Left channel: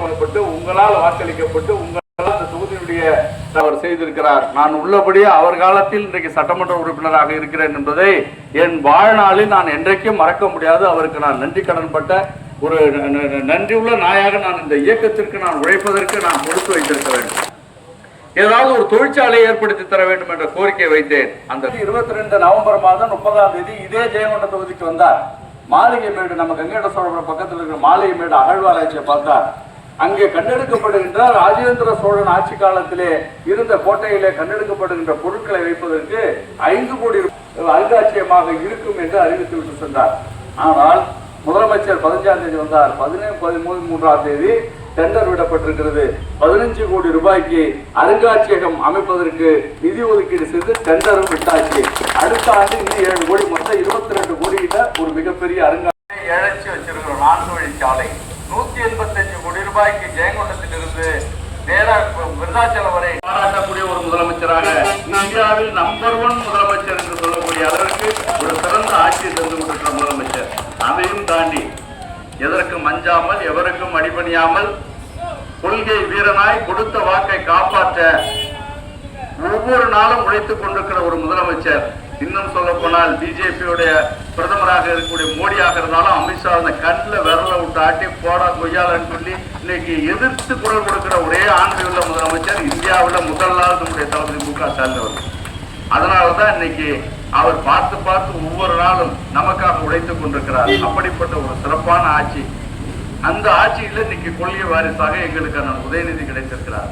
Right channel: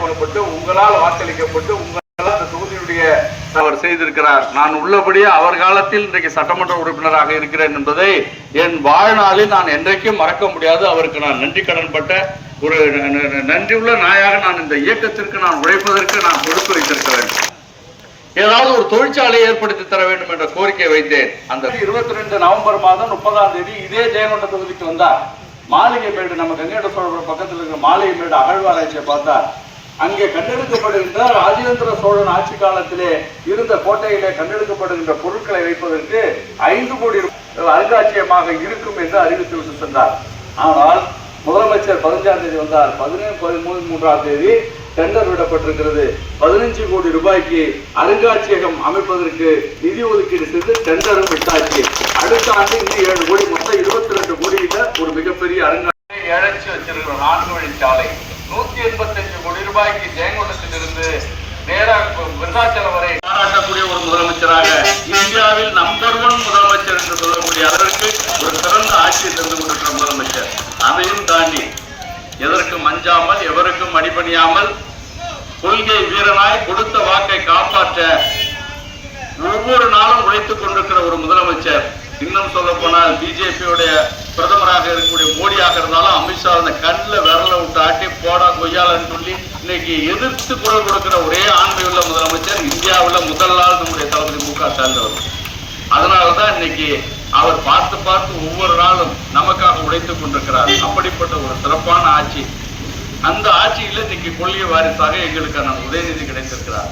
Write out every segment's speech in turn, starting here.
போடப்பட்டு உங்களால் வாக்களிக்கப்பட்டு உங்களால் அந்த தொகுதியுடைய அவர் செய்திருக்கிறார். நான் உள்ளபடியே அவர் காலத்தில் இன்றைக்கு சட்டமன்ற உறுப்பினராக இருக்கிறேன் என்பதை என் வாழ்நாளில் நான் என்றைக்கும் மறக்க முடியாது. அவருக்கு நான் நன்றி கடன்பட்ட ஒரு ந- ந- நன்றியுள்ள நாயாக நான் இந்த இயக்கத்திற்கு நான் உழைப்பதற்கு நான் கொடுத்து வைத்திருக்க வேண்டும். ஏதாவது ஒரு தொழிற்சாலையை ஏற்படுத்தி தர வேண்டும் என்ற கோரிக்கை வைத்தேன். அந்த இருபத்தி ரெண்டு நவம்பர் மாதம் முப்பதாம் தேதி இதே ஜெயங்கொண்ட தொகுதிக்கு வந்தார். மாளிகை மேடு நம்ம கங்கேட சோழபுரம் பக்கத்தில் இருக்கிற மாளிகை மேடு அகழ்வாராய்ச்சியை பார்த்தார். அங்கே கண்டெடுக்கப்படுகின்ற ராஜேந்திர சோழன் ஆட்சி காலத்திலே இருந்த கோட்டையிலே கண்டெடுக்கப்படுகின்ற பொருட்களை வைப்பதற்கு ஐந்து கோடி அருங்காட்சியமாக அருங்காட்சியகமாக இருக்கும் என்று அறிவித்து விட்டு சென்றார். ஆனால் முதலமைச்சர் பதினஞ்சாம் தேதி வந்தார். பதினேழு பதிமூணு மூன்றாம் தேதி டெண்டர் விடப்பட்டிருக்கிறது. பதினஞ்சு கோடி ரூபாய்க்கு அருங்காட்சியகம் அமைப்பதற்கு நிதி ஒதுக்கீடு செய்து டெண்டரும் விட்டாச்சு. அடுத்த ஆண்டு இன்னும் ஏழு கோடி மொத்தம் இருபத்தி ரெண்டு கோடியில ஒரு மிகப்பெரிய அருங்காட்சியகம். இழைச்சி வச்சிருக்கிற நான்கு வழி சாலை நூத்தி எண்பத்தஞ்சு கோடி ரூபாய்க்கு ஜெயங்கொண்டத்திலிருந்து நேரா விருதாச்சலம் வரை பாராட்டக்கூடிய ஒரு முதலமைச்சராக இந்தியாவில் நம்பர் ஒன் முதலமைச்சர் என்று சொல்லக்கூடிய அளவிற்கு ஒரு சிறந்த ஆட்சியை தந்து கொண்டிருக்கிற முதலமைச்சர். அதையும் தாண்டி எதற்கும் அஞ்சாமல் எவருக்கும் அடிபணியாமல் கொள்கை வீரனாய் கொடுத்த வாக்கை காப்பாற்ற ஒவ்வொரு நாளும் உழைத்துக் கொண்டிருக்கிற ஒரு முதலமைச்சர். இன்னும் சொல்ல போனால் பிஜேபியுடைய பிரதமராக இருக்கக்கூடிய மோடியாக இருந்தாலும் அமித்ஷா அந்த கண்ணில் போடா கொய்யாலன்னு சொல்லி இன்னைக்கு எதிர்த்து குரல் கொடுக்கிற ஒரே ஆண்மை உள்ள முதலமைச்சர் இந்தியாவில் முதல் நாள் நம்முடைய தளபதி மு க ஸ்டாலின் அவர்கள். அதனாலதான் இன்னைக்கு அவர் பார்த்து பார்த்து ஒவ்வொரு நாளும் நமக்காக உழைத்துக் கொண்டிருக்கிறார். அப்படிப்பட்ட ஒரு சிறப்பான ஆட்சி. அந்த ஆட்சியில இன்னைக்கு கொள்கை வாரிசாக எங்களுக்கான உதயநிதி கிடைத்திருக்கிறார்.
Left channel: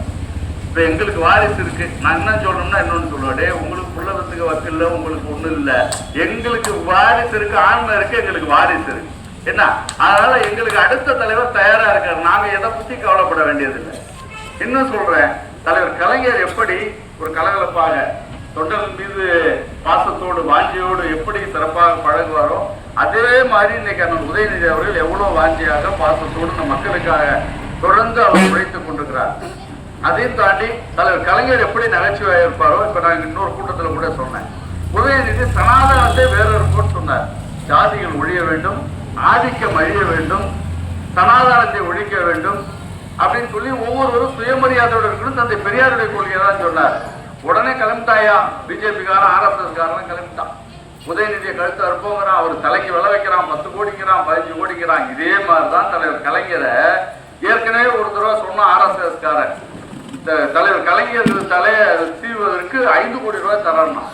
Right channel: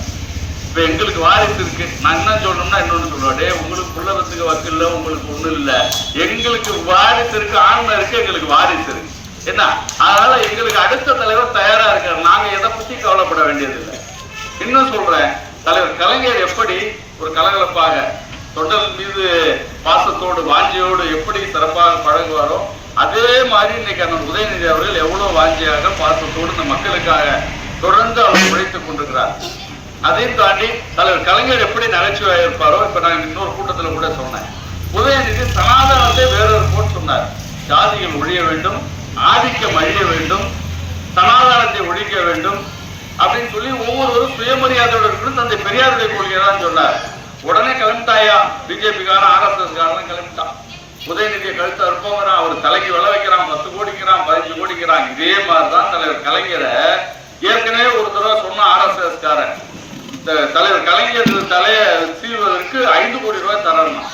இப்ப எங்களுக்கு வாரிசு இருக்கு. நான் என்ன சொல்லணும்னா இன்னொன்னு சொல்லுவாடே உங்களுக்கு புள்ளவத்துக்கு வக்கு இல்லை உங்களுக்கு ஒன்றும் இல்லை. எங்களுக்கு வாரிசு இருக்கு ஆண்மை இருக்கு எங்களுக்கு வாரிசு இருக்கு. என்ன? அதனால எங்களுக்கு அடுத்த தலைவர் தயாரா இருக்காரு. நாங்க எதை பத்தி கவலைப்பட வேண்டியதில்லை. இன்னும் சொல்றேன். தலைவர் கலைஞர் எப்படி ஒரு கலகலப்பாக தொண்டல் மீது பாசத்தோடு வாஞ்சியோடு எப்படி சிறப்பாக பழகுவாரோ அதே மாதிரி இன்னைக்கு அந்த உதயநிதி அவர்கள் எவ்வளவு வாஞ்சியாக பாசத்தோடு இந்த மக்களுக்காக தொடர்ந்து அவர் உழைத்துக் கொண்டிருக்கிறார். அதையும் தாண்டி தலைவர் கலைஞர் எப்படி நகைச்சுவையாக இருப்பாரோ இப்ப நான் இன்னொரு கூட்டத்துல கூட சொன்னேன். உதயநிதி சனாதனத்தை வேறொரு போட்டு சொன்னார். ஜாதிகள் ஒழிய வேண்டும் ஆதிக்கம் அழிய வேண்டும் சனாதானத்தை ஒழிக்க வேண்டும் அப்படின்னு சொல்லி ஒவ்வொருவரும் சுயமரியாதையோட இருக்கணும். தந்தை பெரியாருடைய கொள்கையை தான் சொன்னார். உடனே கிளம்பிட்டாயா? பிஜேபிக்காரன் ஆர்எஸ்எஸ் காரன் கிளம்பிட்டான். உதயநிதியை கழுத்து அறுப்போங்கிறான் அவர் தலைக்கு விளை வைக்கிறான் பத்து கோடிக்கிறான் பதினஞ்சு கோடிக்கிறான். இதே மாதிரி தான் தலைவர் கலைஞரை. ஏற்கனவே ஒரு தடவை சொன்ன ஆர்எஸ்எஸ் காரன். தலைவர் கலைஞர் தலையை சீவதற்கு ஐந்து கோடி ரூபாய் தரணும்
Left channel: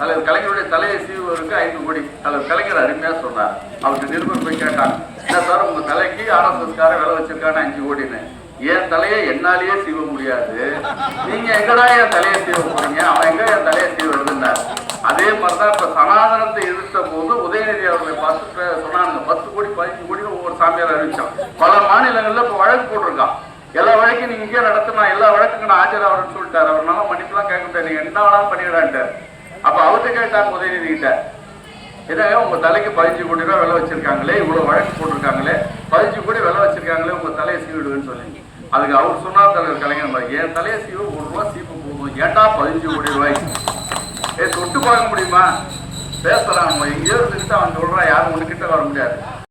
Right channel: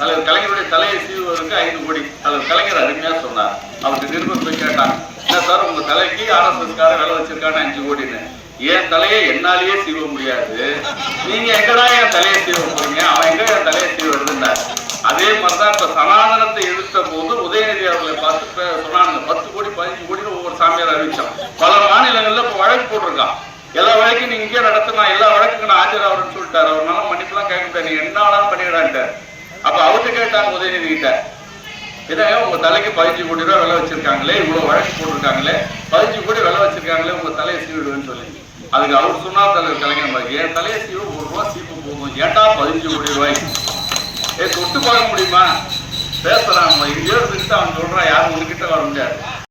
தலைவர் கலைஞருடைய தலையை சீவுவதற்கு ஐந்து கோடி. தலைவர் கலைஞர் அருமையா சொன்னார். அவருக்கு நிருபர் போய் கேட்டாங்க என்ன சார் உங்க தலைக்கு ஆர்எஸ்எஸ் கார வேலை வச்சிருக்கானே அஞ்சு கோடின்னு. என் தலையை என்னாலேயே சீவ முடியாது. நீங்க எங்கடா என் தலையை சீவ போறீங்க? அவன் எங்க என் தலையை சீவ அதே மாதிரிதான் இப்ப சனாதனத்தை எதிர்த்த போது உதயநிதி அவர்களை பார்த்து சொன்னானுங்க பத்து கோடி பதினஞ்சு கோடி ஒவ்வொரு சாமியார் அறிவிச்சான். பல மாநிலங்கள்ல இப்ப வழக்கு போட்டிருக்கான். எல்லா வழக்கும் நீங்க இங்கே நடத்தினா எல்லா வழக்குக்கு நான் ஆஜராகிறேன்னு சொல்லிட்டாரு. அவர்னால மன்னிப்புலாம் கேட்க முடியாது. நீங்க என்ன வேணாலும் பண்ணிவிடான்ட்டார் அப்ப அவர்கிட்ட கேட்டாங்க உதயநிதி கிட்ட என்னங்க உங்க தலைக்கு பதினஞ்சு கோடி ரூபாய் விலை வச்சிருக்காங்களே இவ்வளவு வழக்கு போட்டிருக்காங்களே பதினஞ்சு கோடி விலை வச்சிருக்காங்களே உங்க தலையை சீவிடுவேன்னு சொல்லி. அதுக்கு அவர் சொன்னார் தலைவர் கலைஞர் மாதிரி, என் தலையை சீவு ஒரு ரூபா சீப்பு போதும் ஏன்டா பதினஞ்சு கோடி ரூபாய்க்கு ஏ தொட்டு பார்க்க முடியுமா? பேசலாம் எங்கேயோ இருந்துக்கிட்டு அவன் சொல்றான் யாரும் உனக்கிட்ட வர முடியாது.